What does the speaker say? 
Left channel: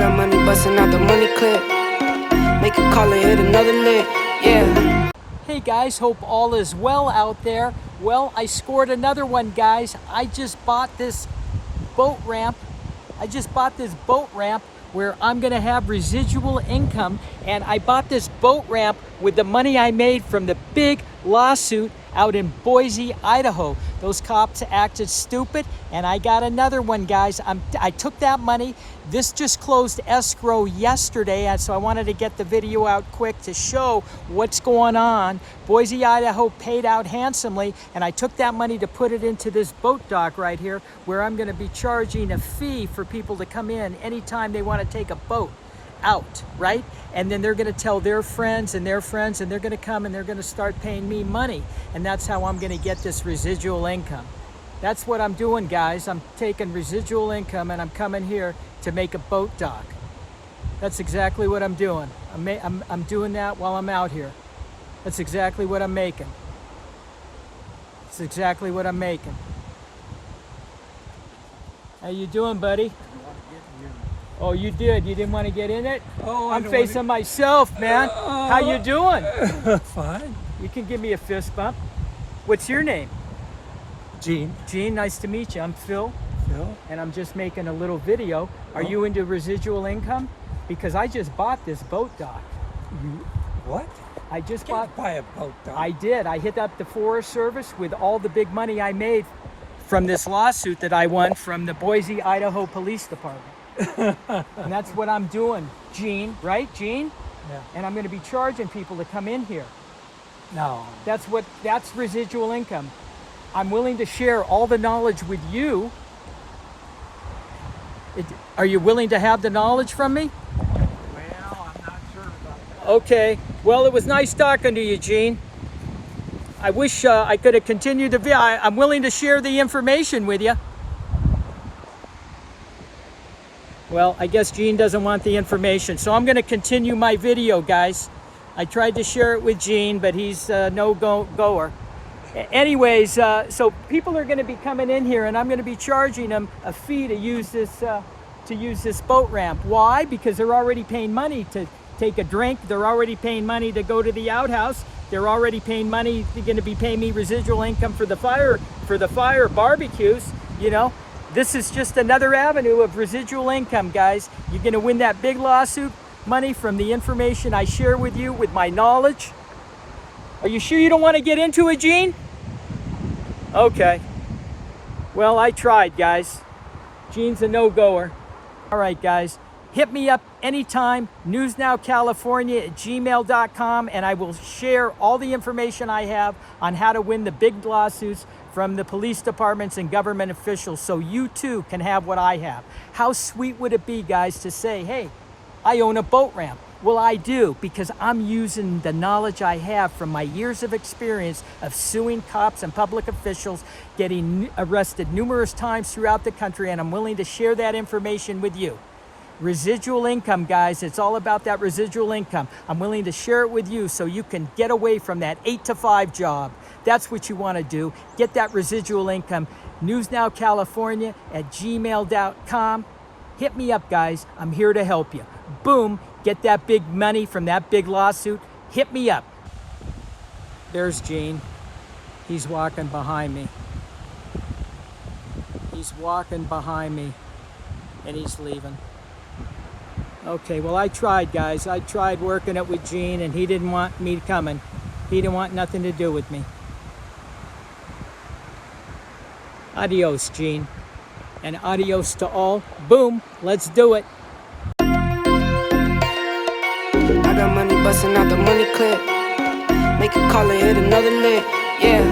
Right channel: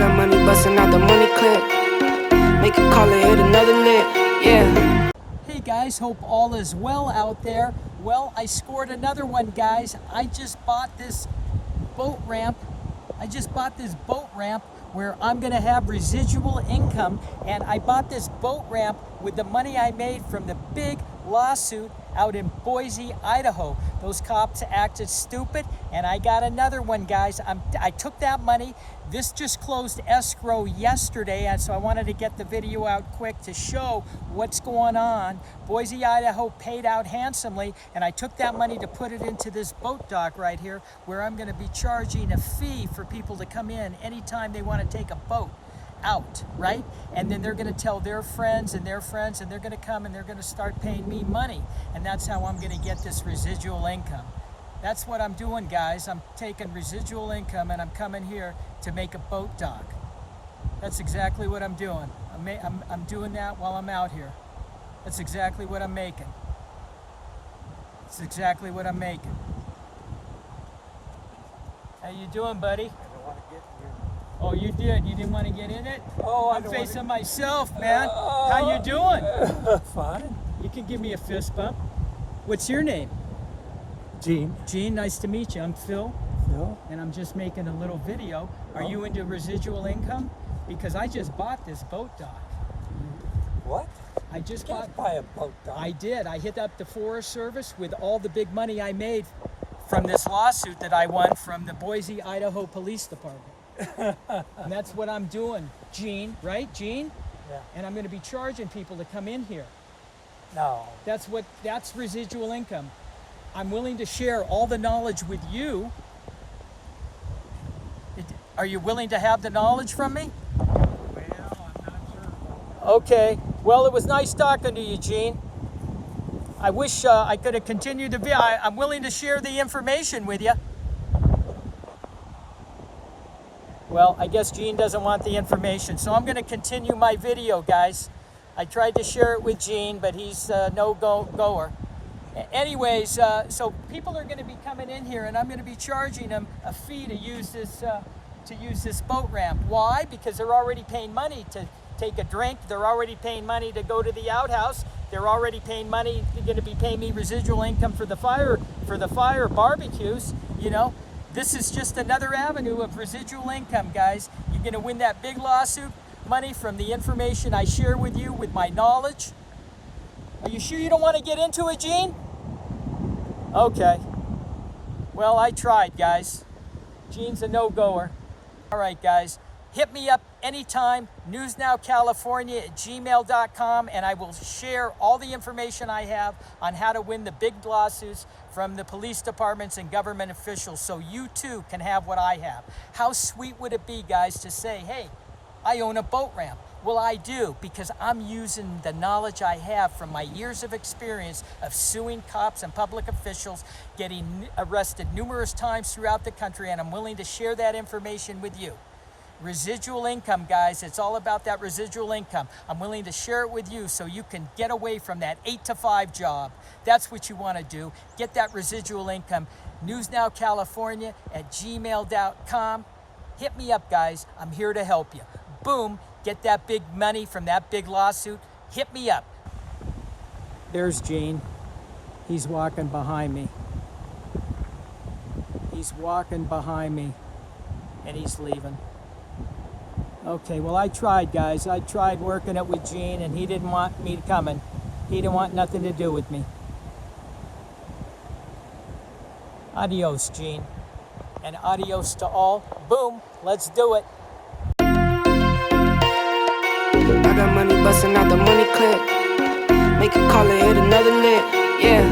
got money busting out the money clip. Make a call and hit another lick, yeah. Hey guys, hope all is well out there. Well, I scored another one, guys. I just bought this boat ramp. Where I'm gonna have residual income, and I bought this boat ramp with the money I made from the big lawsuit out in Boise, Idaho. Those cops acted stupid, and I got another one, guys. I took that money. This just closed escrow yesterday, and so I wanted to get the video out quick to show what's going on. Boise, Idaho paid out handsomely, and I took that money to put it into this boat dock right here, where I'm gonna be charging a fee for people to come in anytime they wanna take a boat out, right? And then they're gonna tell their friends, and they're gonna come and they're gonna start paying me money. And that's how I'm gonna get this residual income. That's what I'm doing, guys. I'm taking residual income and I'm coming here to make a boat dock. That's exactly what I'm doing. I'm doing that while I'm out here. That's exactly what I'm making. That's exactly what I'm making. How you doing, buddy? Oh, you did? You didn't want to get in it? Oh, I'm facing myself, man. How you doing? Fine. You can give me a fist bump. What's your name? Gene. Gene, nice to meet you. I'm Phil. Phil. And I'm just making a little video. Are you into residual income? Because I just bought this boat dock. What? I just You can't buy a boat dock. I did. I hit up the Forest Service with all the big money I made from this lawsuit that I won from the Boise, Idaho Police Department. And that's what I'm doing, Gene, right, Gene? Yeah. And I'm going to be charging people to come in here. No. That's residual income. I'm willing to share all the knowledge with you. Are you willing to have the knowledge from me? Well, I'm not sure about that. Okay. Well, it was nice talking to you, Gene. I wish I could have continued the video. I'm willing to share the information with you. Well, I guess Gene doesn't want the information, so I'm going to continue my video, guys. I tried to share it with Gene, but he's no goer. Anyways, so people are going to be coming in here, and I'm going to be charging them a fee to use this boat ramp. Why? Because they're already paying money to take a drink. They're already paying money to go to the outhouse. They're already paying money. They're going to be paying me residual income for the fire barbecues. You know, this is just another avenue of residual income, guys. You're going to win that big lawsuit money from the information I share with you, with my knowledge. Are you sure you don't want to get into it, Gene? Okay. Well, I tried, guys. Gene's a no-goer. All right, guys. Hit me up anytime, newsnowcalifornia@gmail.com, and I will share all the information I have on how to win the big lawsuits from the police departments and government officials, so you too can have what I have. How sweet would it be, guys, to say, hey, I own a boat ramp. Well, I do, because I'm using the knowledge I have from my years of experience of suing cops and public officials, getting arrested numerous times throughout the country, and I'm willing to share that information with you. Residual income, guys, it's all about that residual income. I'm willing to share it with you so you can get away from that 8-to-5 job. That's what you want to do. Get that residual income. newsnowcalifornia@gmail.com. Hit me up, guys. I'm here to help you. Boom. Get that big money from that big lawsuit. Hit me up. There's Gene. He's walking behind me. He's walking behind me, and he's leaving. Okay, well, I tried, guys. I tried working it with Gene, and he didn't want me coming. He didn't want nothing to do with me. Adios, Gene. And adios to all. Boom. Let's do it. I got money busting out the money clip. Make a call and hit another lick, yeah.